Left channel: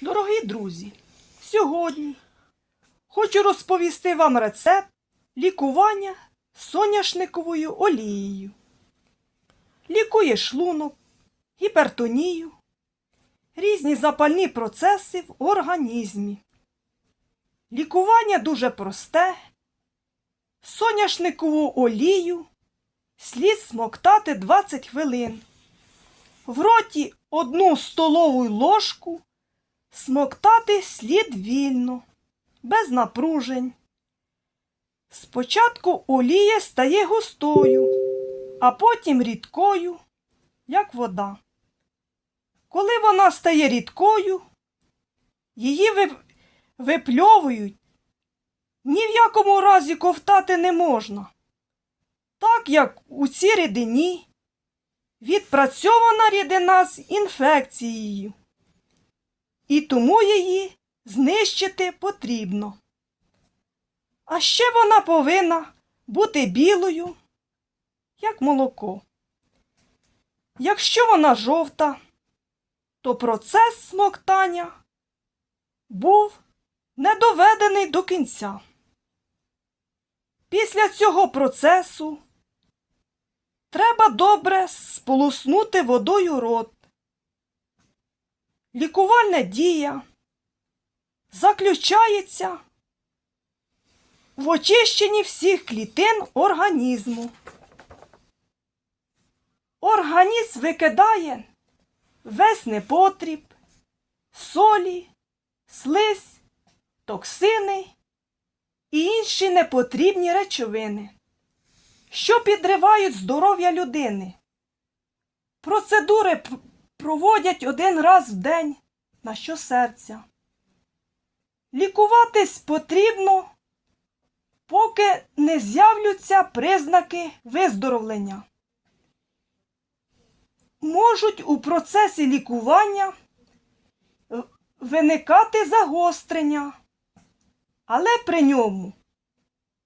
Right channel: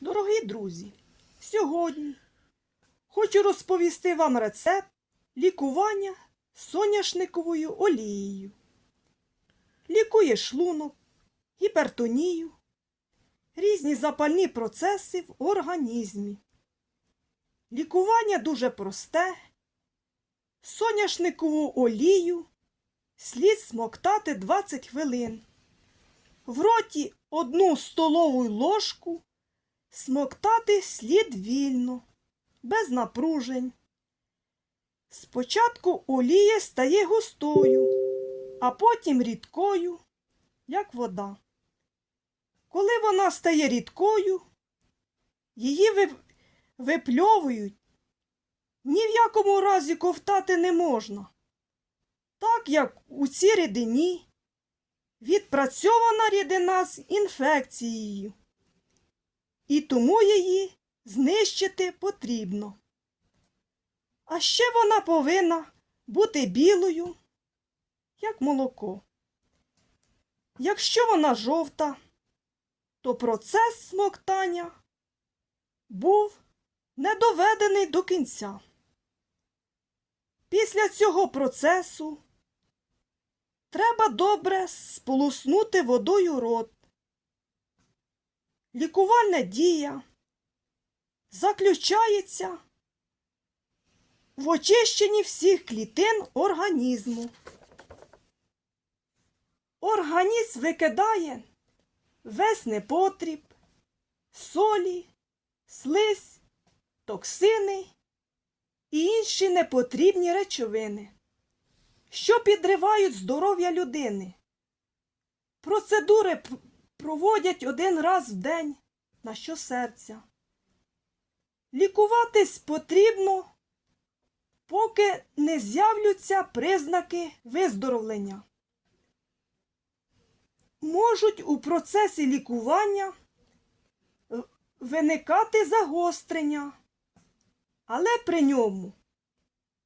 Дорогі друзі, сьогодні хочу розповісти вам рецепт лікування соняшниковою олією. Лікує шлунок, гіпертонію, різні запальні процеси в організмі. Лікування дуже просте. Соняшникову олію слід смоктати 20 хвилин. В роті одну столову ложку смоктати слід вільно, без напружень. Спочатку олія стає густою, а потім рідкою, як вода. Коли вона стає рідкою, її вип- випльовують. Ні в якому разі ковтати не можна, так як у цій рідині відпрацьована рідина з інфекцією, і тому її знищити потрібно. А ще вона повинна бути білою, як молоко. Якщо вона жовта, то процес смоктання був не доведений до кінця. Після цього процесу треба добре сполоснути водою рот. Лікувальна дія заключається в очищенні всіх клітин організму. Організм викидає весь непотріб, солі, слизь, токсини і інші непотрібні речовини, що підривають здоров'я людини. Процедури проводять один раз в день на щосерця. Лікуватись потрібно, поки не з'являться признаки виздоровлення. Можуть у процесі лікування е, виникати загострення, але при ньому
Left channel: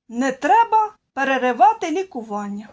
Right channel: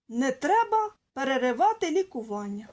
не треба переривати лікування.